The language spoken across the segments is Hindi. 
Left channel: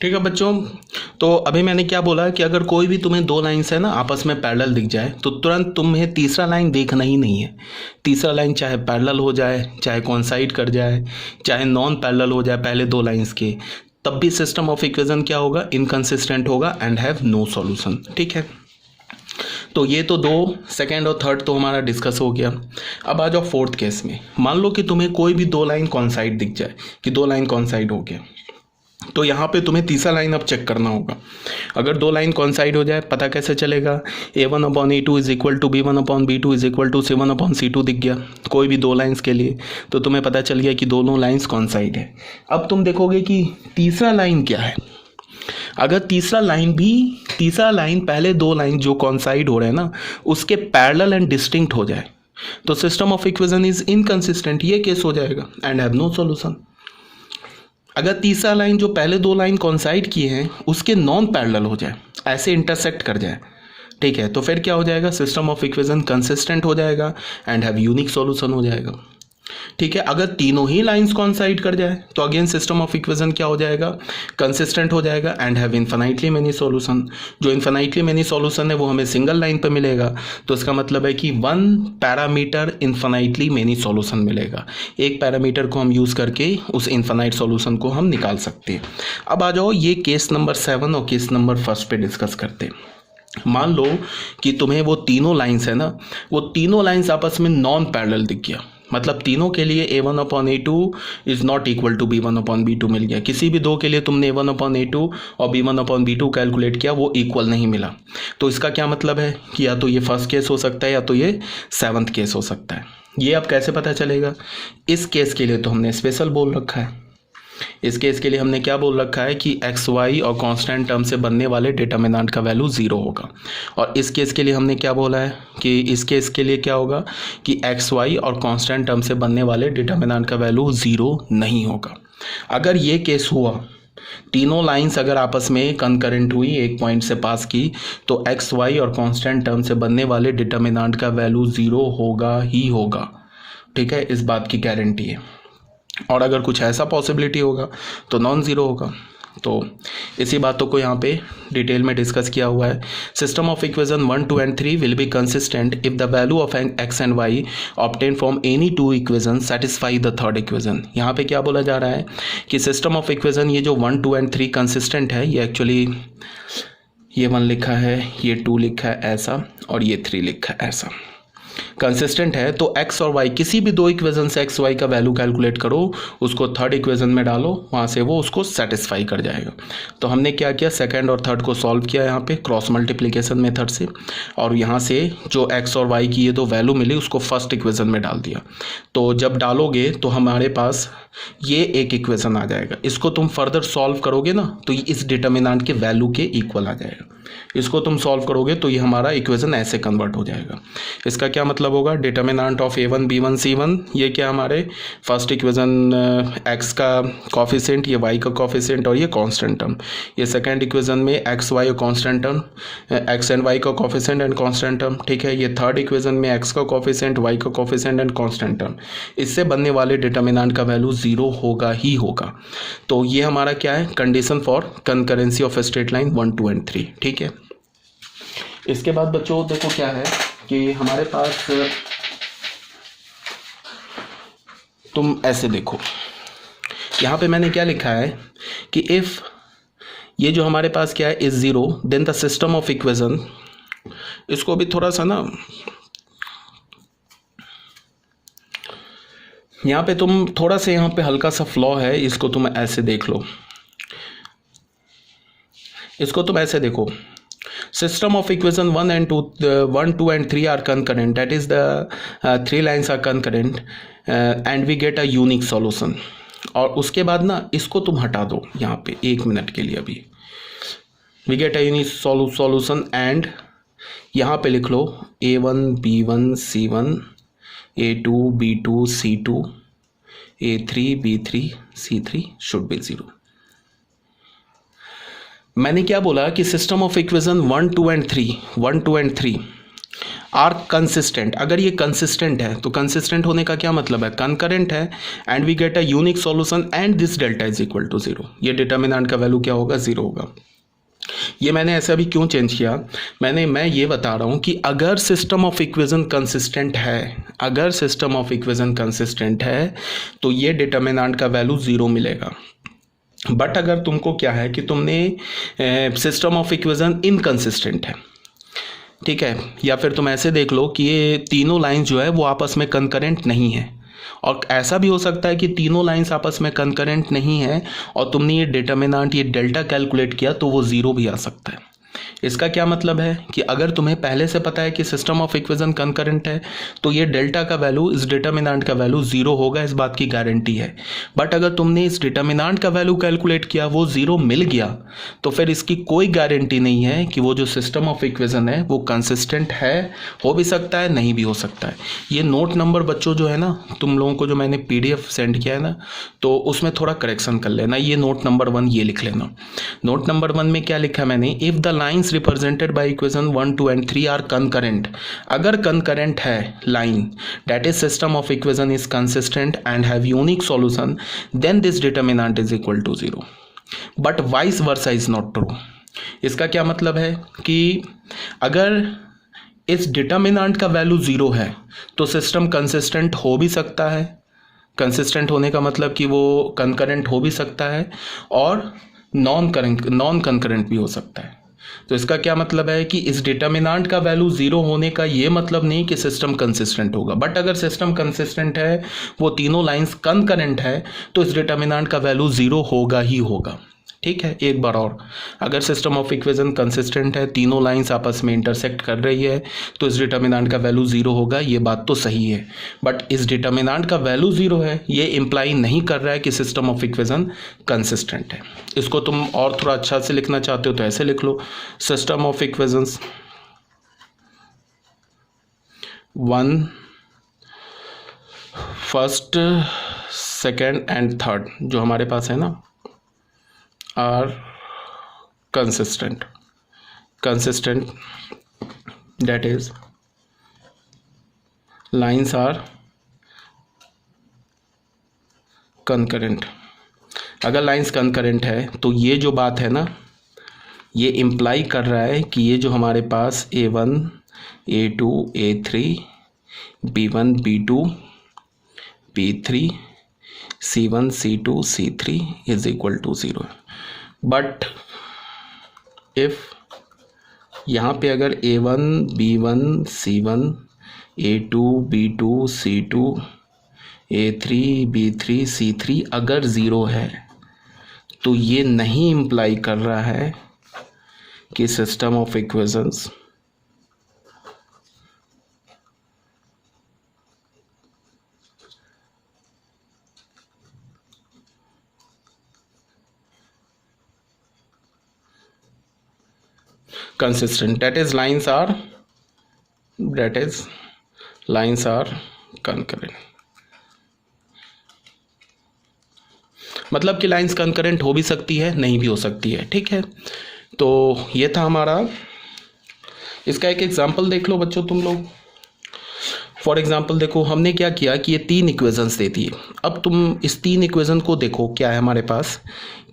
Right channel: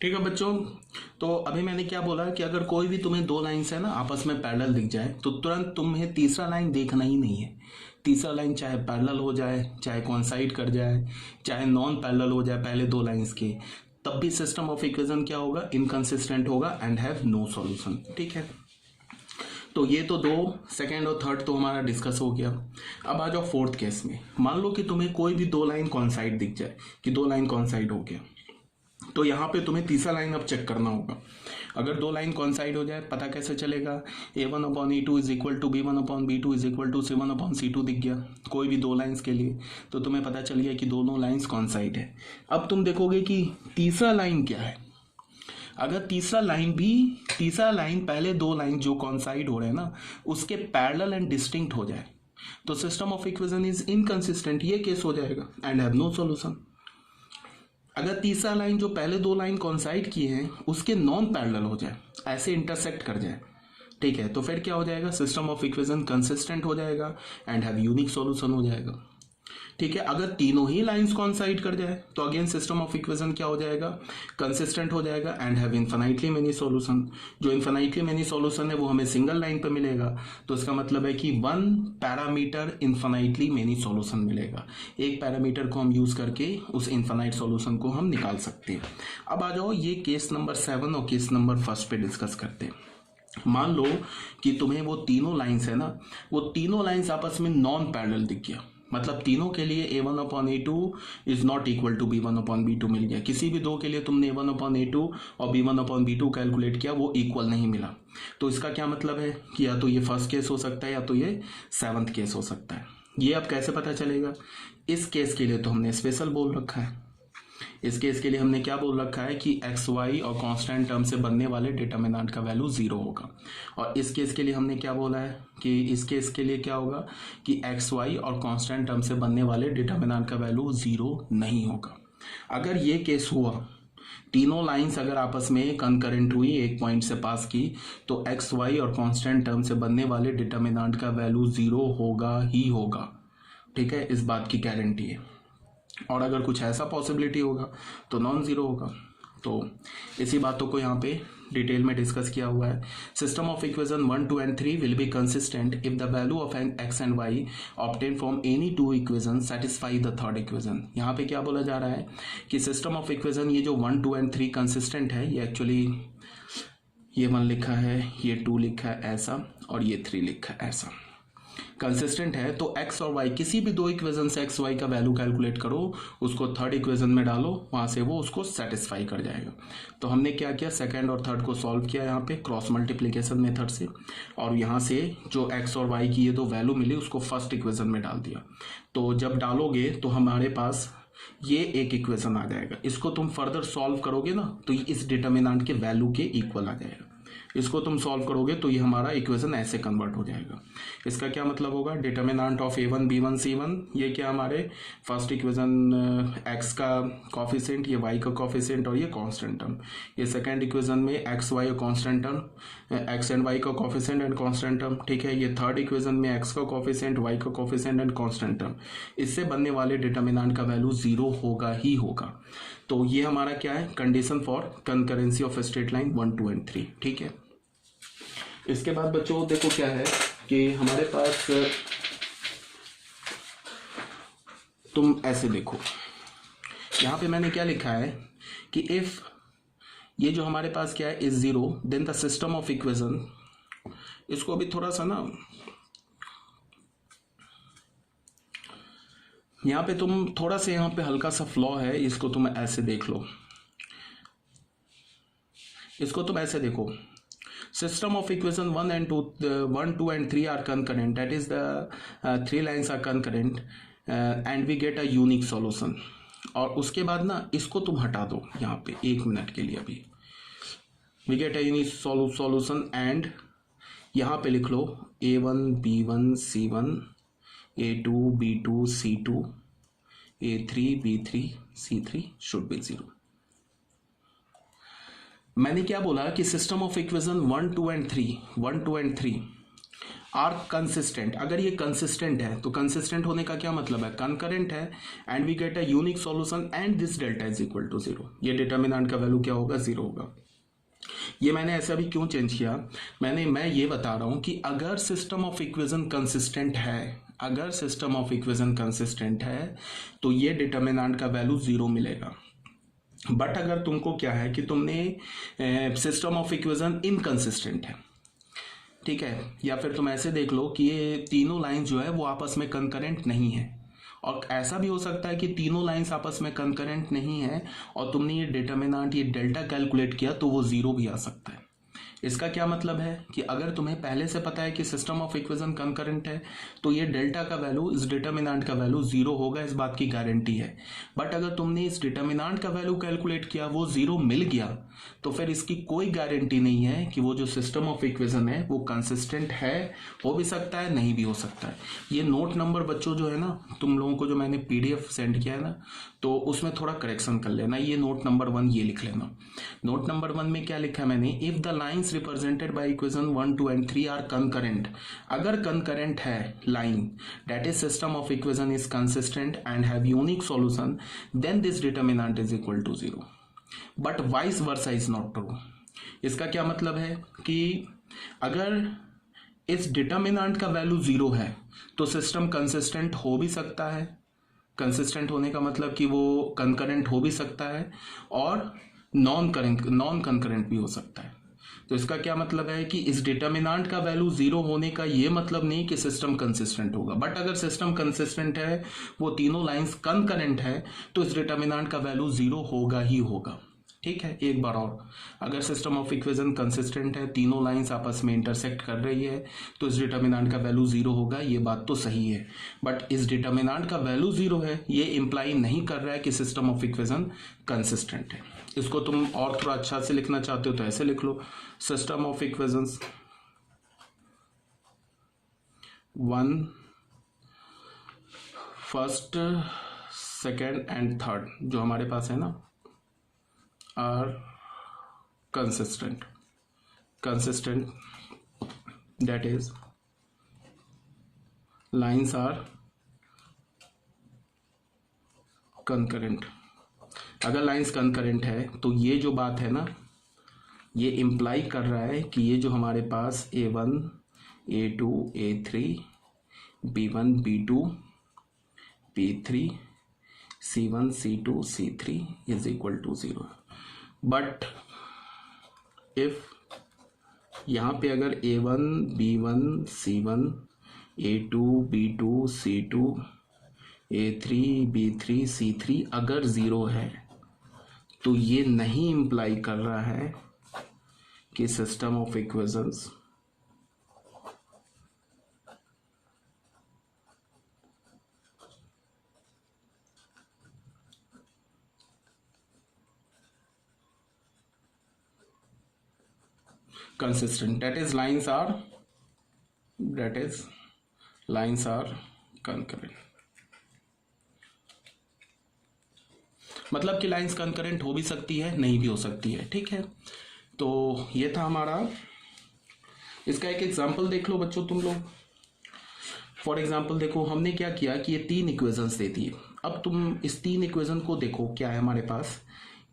ठीक है बच्चों, तो अभी मैंने क्या बोला कि अगर कोई भी तुम्हें दो लाइन्स है ना आपस में पैरेलल दिख जाए तो तुरंत तुम्हें तीसरा लाइन देखना ही नहीं है। तीसरा लाइन चाहे पैरेलल हो जाए, चाहे कोइंसाइड कर जाए, चाहे नॉन पैरेलल हो जाए पहले दो लाइन्स के, तब भी सिस्टम ऑफ इक्वेशन क्या होगा, इनकंसिस्टेंट होगा एंड हैव नो सॉल्यूशन। ठीक है, तो ये तो दो, सेकेंड और थर्ड तो हमारा डिस्कस हो गया। अब आ जाओ फोर्थ केस में। मान लो कि तुम्हें कोई भी दो लाइन कॉन्साइड दिख जाए कि दो लाइन कॉन्साइड हो गया, तो यहाँ पे तुम्हें तीसरा लाइन अब चेक करना होगा। अगर दो लाइन कॉन्साइड हो जाए पता कैसे चलेगा, a1/a2 is equal to b1/b2 is equal to c1/c2 दिख गया कोई भी दो लाइंस के लिए, तो तुम्हें पता चल गया कि दोनों लाइंस कॉन्साइड है। अब तुम देखोगे कि तीसरा लाइन क्या है। अगर तीसरा लाइन पहले दो लाइन जो कॉन्साइड हो रहे हैं ना उसके पैरेलल एंड डिस्टिंक्ट हो जाए तो system of equation is inconsistent, ये केस हो जाएगा एंड हैव नो सॉल्यूशन। अगर तीसरा लाइन जो पहले दो लाइन कॉन्साइड किए हैं उसके नॉन पैरेलल हो जाए, ऐसे इंटरसेक्ट कर जाए, ठीक है, तो फिर क्या हो जाएगा, सिस्टम ऑफ इक्वेशन कंसिस्टेंट हो जाएगा एंड हैव यूनिक सॉल्यूशन हो जाएगा। ठीक है, अगर तीनों ही लाइंस कॉन्साइड कर जाए तो अगेन सिस्टम ऑफ इक्वेशन क्या हो जाएगा, कंसिस्टेंट हो जाएगा and have infinitely many solution. जो इन्फिनाइटली मेनी सॉल्यूशन है वो हमें सिंगल लाइन पर मिलेगा, तो इसका मतलब है कि one parameter infinitely many solution मिलेगा। एक पैरामीटर को हम यूज़ करके उस इन्फिनाइट सॉल्यूशन को हम निकाल सकते हैं। अब आ जाओ ये केस नंबर 7 और केस नंबर 1 पे डिस्कस करते हैं। मान लो कि तुम्हें वो तीनों लाइंस है ना, वो तीनों लाइंस आपस में नॉन पैरेलल दिख गया, मतलब तीनों के लिए a1/a2 is not equal to b1/b2 मिल गया। किसी भी दो के लिए तुमने a1/a2 और b1/b2 कैलकुलेट किया वो इक्वल नहीं मिला, तो इसका क्या मतलब है कि या तो ये फर्स्ट केस हो सकता है या तो ये 7th केस हो सकता है। ये अब कैसे पता चलेगा, इस केस के लिए तो हमने स्पेशल बोल रखा है। इस केस के लिए हमने क्या बोल रखा है कि एक्स वाई और कांस्टेंट टर्म से बनने वाले डिटर्मिनेंट का वैल्यू 0 होगा। और इस केस के लिए हमने क्या बोला है कि इस केस के लिए क्या होगा कि एक्स वाई और कांस्टेंट टर्म से बनने वाले डिटर्मिनेंट का वैल्यू 0 नहीं होगा। अगर ये केस हुआ, तीनों लाइंस अगर आपस में कंकरेंट हुई, एक पॉइंट से पास की, तो एक्स वाई और कांस्टेंट टर्म से बनने वाले डिटर्मिनेंट का वैल्यू 0 होगा ही होगा। ठीक है, इस बात की गारंटी है। और अगर कुछ ऐसा पॉसिबिलिटी होगा तो नॉन ज़ीरो होगा। तो इसी बातों को यहाँ पे डिटेल में डिस्कस किया हुआ है। System of equation 1, 2 and 3 will be consistent if the value of x and y obtain from any two equation satisfy the third equation. यहाँ पे क्या बोला जा रहा है कि सिस्टम ऑफ इक्वेशन ये जो 1, 2 एंड 3 कंसिस्टेंट है, ये एक्चुअली ये 1 लिखा है, ये 2 लिखा है ऐसा, और ये 3 लिखा है ऐसा, कंसिस्टेंट है। तो एक्स और वाई किसी भी दो इक्वेशन से एक्स वाई का वैल्यू कैलकुलेट करो, उसको थर्ड इक्वेशन में डालो, वहाँ से वो उसको सेटिस्फाई कर जाएगा। तो हमने क्या किया, सेकंड और थर्ड को सॉल्व किया यहाँ पे क्रॉस मल्टीप्लिकेशन मेथड से, और यहाँ से जो एक्स और वाई की ये दो वैल्यू मिली उसको फर्स्ट इक्वेशन में डाल दिया। तो जब डालोगे तो हमारे पास ये एक इक्वेशन आ जाएगा। इसको तुम फर्दर सॉल्व करोगे ना तो इस डिटर्मिनेंट के वैल्यू के इक्वल आ जाएगा। इसको तुम सॉल्व करोगे तो ये हमारा इक्वेशन ऐसे कन्वर्ट हो जाएगा। इसका क्या मतलब होगा, determinant of a1 b1 c1, ये क्या हमारे फर्स्ट इक्वेशन x का कॉफिशिएंट, ये y का कॉफिशिएंट और ये कांस्टेंट टर्म। ये सेकंड इक्वेशन में x y और constant term, x and y का कॉफिशिएंट एंड कांस्टेंट टर्म। ठीक है, ये थर्ड इक्वेशन में x का कॉफिशिएंट, y का कॉफिशिएंट एंड कांस्टेंट टर्म। इससे बनने वाले डिटर्मिनेंट का वैल्यू 0 होगा ही होगा। तो ये हमारा क्या है, condition for concurrency of straight line 1, 2 and 3। ठीक है, इसके बाद बच्चों देखो क्या है कि हमारे पास, तुम ऐसे देखो यहाँ पे मैंने क्या लिखा है कि इफ़ ये जो हमारे पास क्या है is 0 then the system of equation, इसको भी थोड़ा सा ना यहाँ पे तुम थोड़ा सा यहाँ पे हल्का सा फ्लॉ है, इसको तुम ऐसे देख लो, इसको तुम ऐसे देखो, system of equation 1 and 2 1 2 and 3 are concurrent, that is the 3 lines are concurrent and we get a unique solution। और उसके बाद ना इसको तुम हटा दो यहाँ पे 1 मिनट के लिए, अभी we get a unique solution and यहाँ पे लिख लो a1 b1 c1 a2 b2 c2 a3 b3 c3 should be 0। मैंने क्या बोला कि system of equation 1, 2 and 3 are consistent, अगर ये कंसिस्टेंट है तो कंसिस्टेंट होने का क्या मतलब है, कंकरेंट है, and we get a unique solution and this delta is equal to zero, ये डिटर्मिनेंट का वैल्यू क्या होगा, जीरो होगा। ये मैंने ऐसा भी क्यों चेंज किया, मैं ये बता रहा हूँ कि अगर सिस्टम ऑफ इक्वेशन कंसिस्टेंट है, अगर सिस्टम ऑफ इक्वेशन कंसिस्टेंट है तो ये डिटर्मिनेंट का वैल्यू जीरो मिलेगा। बट अगर तुमको क्या है कि तुमने सिस्टम ऑफ इक्वेशन इनकंसिस्टेंट है, ठीक है, या फिर तुम ऐसे देख लो कि ये तीनों लाइंस जो है वो आपस में कंकरेंट नहीं है, और ऐसा भी हो सकता है कि तीनों लाइंस आपस में कंकरेंट नहीं है और तुमने ये डिटर्मिनेंट ये डेल्टा कैलकुलेट किया तो वो ज़ीरो भी आ सकता है। इसका क्या मतलब है कि अगर तुम्हें पहले से पता है कि सिस्टम ऑफ इक्वेशन कंकरेंट है तो ये डेल्टा का वैल्यू, इस डिटर्मिनेंट का वैल्यू जीरो होगा, इस बात की गारंटी है। बट अगर तुमने इस डिटर्मिनेंट का वैल्यू कैलकुलेट किया, वो जीरो मिल गया, तो फिर इसकी कोई गारंटी नहीं है कि वो जो सिस्टम ऑफ इक्वेशन है वो कंसिस्टेंट है, हो भी सकता है नहीं भी हो सकता है। ये नोट नंबर बच्चों जो है ना, तुम लोगों को जो मैंने PDF सेंड किया है ना, तो उसमें थोड़ा करेक्शन कर लेना। ये नोट नंबर 1 ये लिख लेना। नोट नंबर 1 में क्या लिखा मैंने, if the lines represented by equation 1, 2 and 3 are concurrent, अगर कंकरेंट है line, that is system of equation is consistent and have unique solution, then this determinant is equal to zero, but vice versa is not true. इसका क्या मतलब है कि अगर इस डिटर्मिनेंट का वैल्यू जीरो है तो सिस्टम कंसिस्टेंट हो भी सकता है, कंसिस्टेंट होने का मतलब कि वो कंकरेंट हो भी सकता है और नॉन कंकरेंट भी हो सकता है। तो इसका क्या मतलब है कि इस डिटर्मिनेंट का वैल्यू जीरो होने का ये मतलब नहीं कि सिस्टम कंसिस्टेंट होगा, बट अगर सिस्टम कंसिस्टेंट है, वो तीनों लाइंस कंकरेंट है, तो इस डिटर्मिनेंट का वैल्यू जीरो होगा ही होगा। ठीक है, एक बार और, अगर सिस्टम ऑफ इक्वेशन कंसिस्टेंट है, तीनों लाइंस आपस में इंटरसेक्ट कर रही है, तो इस डिटर्मिनेंट का वैल्यू जीरो होगा, ये बात तो सही है। बट इस डिटर्मिनेंट का वैल्यू जीरो है, ये इंप्लाई नहीं कर रहा है कि सिस्टम ऑफ इक्वेशन कंसिस्टेंट है। इसको तुम और थोड़ा अच्छा से लिखना चाहते हो तो ऐसे लिख लो, system of equations 1, first, second and third जो हमारे पास है ना, are consistent, that is lines are concurrent। अगर लाइंस कंकरेंट है तो ये जो बात है ना, ये इम्प्लाई कर रहा है कि ये जो हमारे पास A1, A2, A3, B1, B2, B3, C1, C2, C3 is equal to zero. But if यहाँ पे अगर A1, B1, C1, A2, B2, C2, A3, B3, C3 अगर ज़ीरो है तो ये नहीं इम्प्लाई कर रहा है कि system of equations consistent, that is lines are concurrent। मतलब कि लाइंस कंकरेंट हो भी सकती है, नहीं भी हो सकती है। ठीक है, तो ये था हमारा। इसका एक एग्जांपल देख लो बच्चों तुम लोग। फॉर एग्जांपल देखो, हमने क्या किया कि ये 3 इक्वेशंस देती है। अब तुम इस 3 इक्वेशन को देखो, क्या है हमारे पास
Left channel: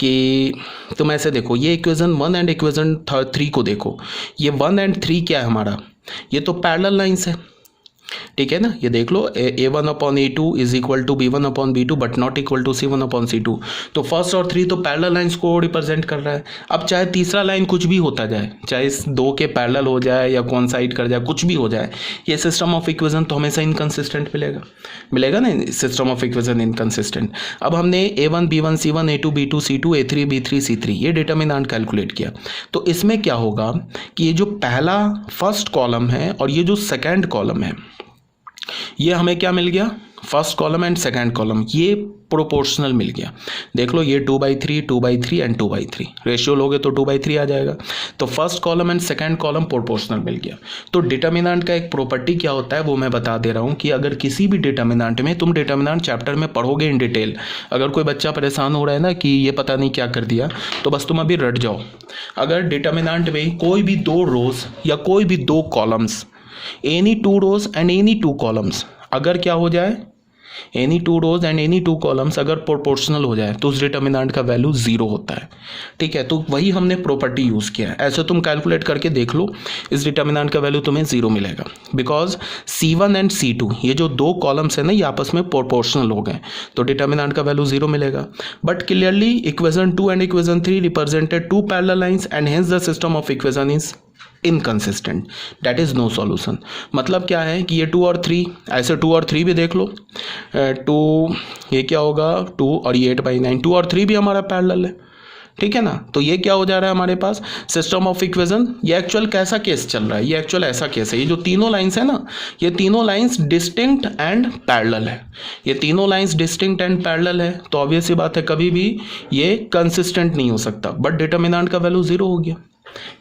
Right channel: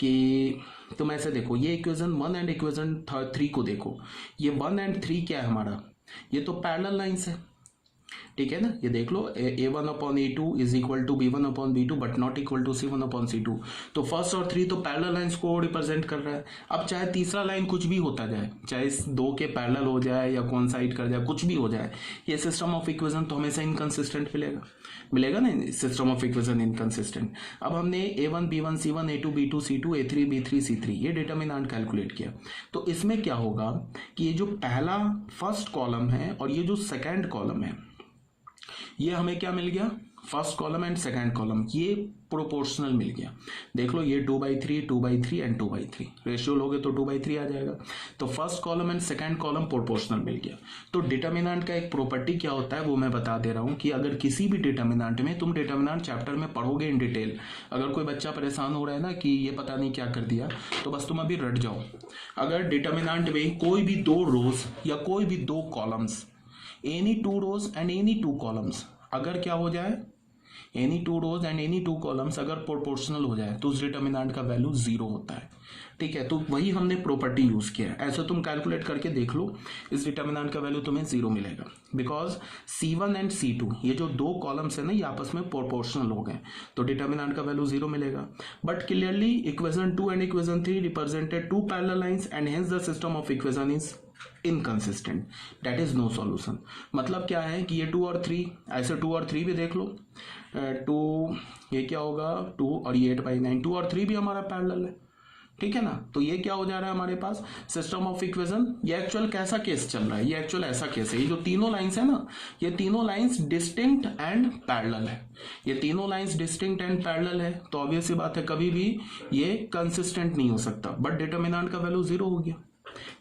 कि तुम ऐसे देखो, ये इक्वेशन 1 एंड इक्वेशन 3 को देखो। ये 1 एंड 3 क्या है हमारा, ये तो पैरेलल लाइंस है। ठीक है ना, ये देख लो, A1/A2 is equal to B1/B2 but not equal to C1/C2। तो फर्स्ट और 3 तो पैरेलल लाइंस को रिप्रेजेंट कर रहा है। अब चाहे तीसरा लाइन कुछ भी होता जाए, चाहे इस 2 के पैरेलल हो जाए या कोइंसाइड कर जाए, कुछ भी हो जाए, ये सिस्टम ऑफ इक्वेशन तो हमेशा इनकंसिस्टेंट मिलेगा ना, सिस्टम ऑफ इक्वेशन इनकंसिस्टेंट। अब हमने A1, B1, C1, A2, B2, C2, A3, B3, C3 ये डिटर्मिनेंट कैलकुलेट किया। तो इसमें क्या होगा कि ये जो पहला फर्स्ट कॉलम है और ये जो सेकेंड कॉलम है, ये हमें क्या मिल गया, first column and second column ये प्रोपोर्शनल मिल गया। देख लो, ये 2/3, 2/3 एंड 2/3 रेशियो लोगे तो 2/3 आ जाएगा। तो first column and second column proportional मिल गया। तो डिटर्मिनेंट का एक प्रॉपर्टी क्या होता है वो मैं बता दे रहा हूँ कि अगर किसी भी डिटर्मिनेंट में, तुम डिटर्मिनेंट चैप्टर में पढ़ोगे इन डिटेल, अगर कोई बच्चा परेशान हो रहा है ना कि ये पता नहीं क्या कर दिया, तो बस तुम अभी रट जाओ। अगर डिटर्मिनेंट में कोई भी 2 रोज या कोई भी 2 columns any two rows and any two columns, अगर क्या हो जाए, any two rows and any two columns अगर प्रोपोर्शनल हो जाए तो उस डिटर्मिनेंट का वैल्यू जीरो होता है। ठीक है, तो वही हमने प्रॉपर्टी यूज़ किया है। ऐसे तुम कैलकुलेट करके देख लो, इस डिटर्मिनेंट का वैल्यू तुम्हें जीरो मिलेगा, बिकॉज C1 एंड C2 ये जो दो कॉलम्स है ना, ये आपस में प्रोपोर्शनल हो गए, तो डिटर्मिनेंट का वैल्यू जीरो मिलेगा। But clearly equation 2 and equation 3 represented two parallel lines and hence the system of equation is inconsistent, that is no solution. मतलब क्या है कि ये 2 और 3, ऐसे 2 और 3 भी देख लो, 2 ये क्या होगा 2 और ये 8/9, 2 और 3 भी हमारा पैरेलल है। ठीक है ना, तो ये क्या हो जा रहा है हमारे पास सिस्टम ऑफ इक्वेशन। ये एक्चुअल कैसा केस चल रहा है, ये एक्चुअल ऐसा केस है, ये जो तीनों लाइंस है ना, ये तीनों लाइंस डिस्टिंक्ट एंड पैरेलल है, ये तीनों लाइंस डिस्टिंक्ट एंड पैरेलल है, तो ऑब्वियस सी बात है कभी भी ये कंसिस्टेंट नहीं हो सकता। बट डिटर्मिनेंट का वैल्यू जीरो हो गया।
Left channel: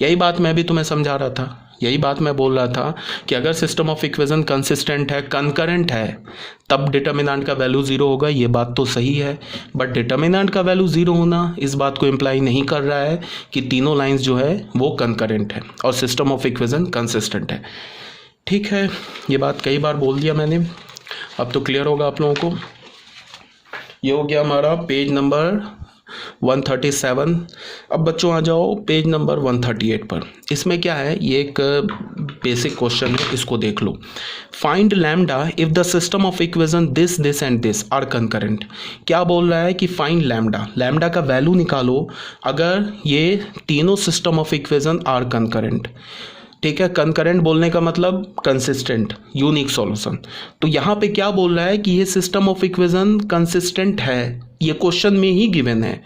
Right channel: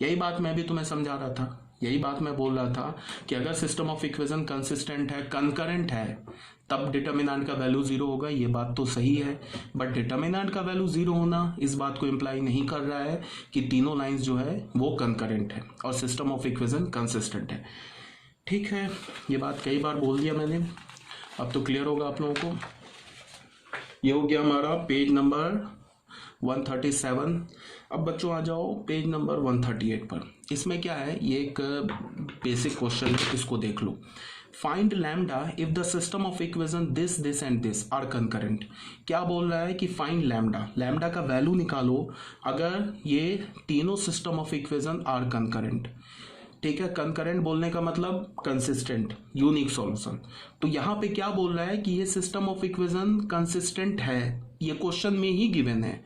यही बात मैं भी तुम्हें समझा रहा था, यही बात मैं बोल रहा था कि अगर सिस्टम ऑफ इक्वेशन कंसिस्टेंट है, कंकरेंट है, तब डिटर्मिनेंट का वैल्यू जीरो होगा। ये बात तो सही है, बट डिटर्मिनेंट का वैल्यू जीरो होना इस बात को इम्प्लाई नहीं कर रहा है कि तीनों लाइंस जो है वो कंकरेंट है और सिस्टम ऑफ इक्वेशन कंसिस्टेंट है। ठीक है, ये बात कई बार बोल दिया मैंने, अब तो क्लियर होगा आप लोगों को। ये हो गया हमारा पेज नंबर 137। अब बच्चों आ जाओ पेज नंबर 138 पर। इसमें क्या है, ये एक बेसिक क्वेश्चन है, इसको देख लो। Find lambda if the system of equation this and this are concurrent. क्या बोल रहा है कि फाइंड लैम्डा, लैम्डा का वैल्यू निकालो अगर ये तीनों system of equation are concurrent. ठीक है, कंकरेंट बोलने का मतलब कंसिस्टेंट, यूनिक सॉल्यूशन। तो यहाँ पे क्या बोल रहा है कि ये सिस्टम ऑफ इक्वेशन कंसिस्टेंट है, ये क्वेश्चन में ही गिवन है।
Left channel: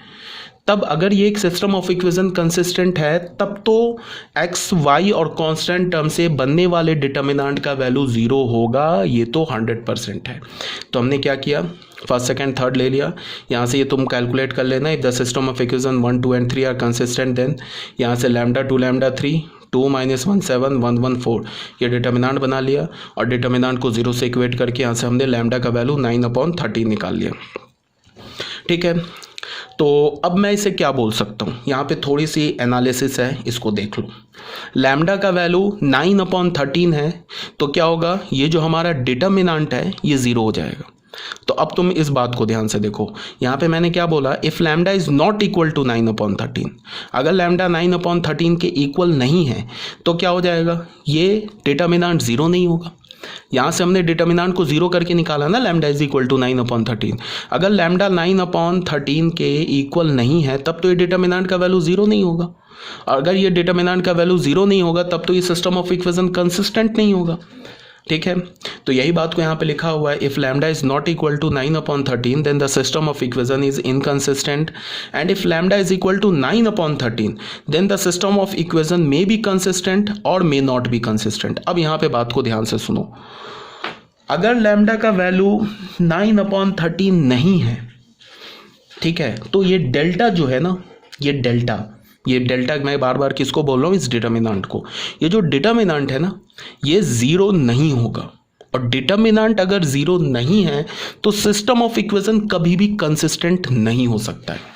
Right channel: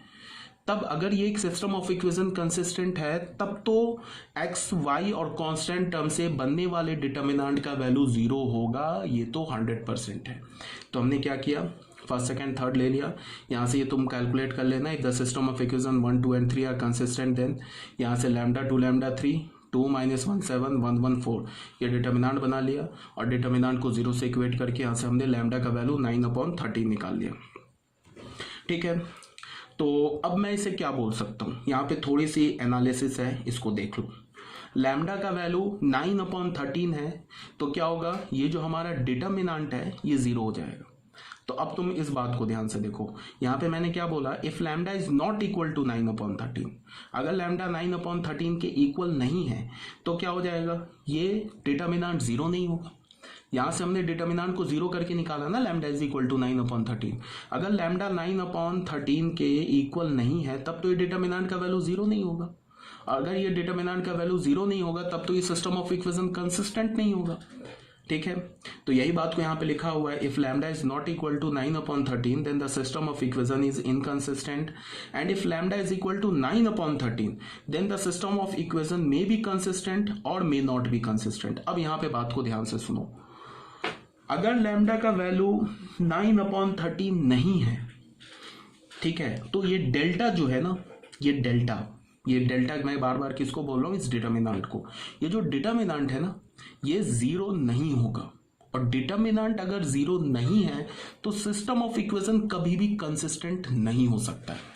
तब अगर ये एक सिस्टम ऑफ इक्वेशन कंसिस्टेंट है, तब तो एक्स वाई और कांस्टेंट टर्म से बनने वाले डिटर्मिनेंट का वैल्यू जीरो होगा, ये तो 100% है। तो हमने क्या किया, फर्स्ट सेकंड थर्ड ले लिया। यहाँ से ये तुम कैलकुलेट कर लेना, if the system of equation 1 2 and 3 are consistent, then यहाँ से लैम्डा 2 लैम्डा 3 2 - 1 7 1 1 4 ये डिटर्मिनेंट बना लिया, और डिटर्मिनेंट को जीरो से इक्वेट करके यहाँ से हमने लैम्डा का वैल्यू 9/13 निकाल लिया। ठीक है, तो अब मैं इसे क्या बोल सकता हूँ, यहाँ पे थोड़ी सी एनालिसिस है, इसको देख लो। लैम्डा का वैल्यू 9/13 है, तो क्या होगा, ये जो हमारा डिटर्मिनेंट है ये ज़ीरो हो जाएगा। तो अब तुम इस बात को ध्यान से देखो, यहाँ पे मैंने क्या बोला, if lambda is not equal to 9/13, अगर लैम्डा 9/13 के इक्वल नहीं है तो क्या हो जाएगा, ये डिटर्मिनेंट ज़ीरो नहीं होगा। यहाँ से हमने डिटर्मिनेंट को जीरो करके निकाला ना, लैम्डा इज इक्वल टू 9/13। अगर लैम्डा 9/13 के इक्वल नहीं है तब तो ये डिटर्मिनेंट का वैल्यू जीरो नहीं होगा। अगर ये डिटर्मिनेंट का वैल्यू जीरो नहीं होगा तब तो ये सिस्टम ऑफ इक्वेशन कंसिस्टेंट नहीं होगा। ठीक है, तो यही बात को यहाँ पे लिखा हुआ है, if lambda is not equal to 9/13 then the system of equation is inconsistent, and if lambda is equal to 9/13 then the system of equation may be consistent और मे नॉट बी कंसिस्टेंट। अब यहाँ पे बात को ध्यान से सुनो, अगर लैम्डा का वैल्यू 9/13 नहीं है, ठीक है, तो ये डेल्टा जो है ना, ये डेल्टा मैं बार बार किसको बोल रहा हूँ, इस डिटर्मिनेंट को। ये जो डिटर्मिनेंट है ना, ये ज़ीरो नहीं होगा, और डिटर्मिनेंट अगर ज़ीरो नहीं है तो सिस्टम ऑफ इक्वेशन कभी भी कंसिस्टेंट नहीं हो सकता है।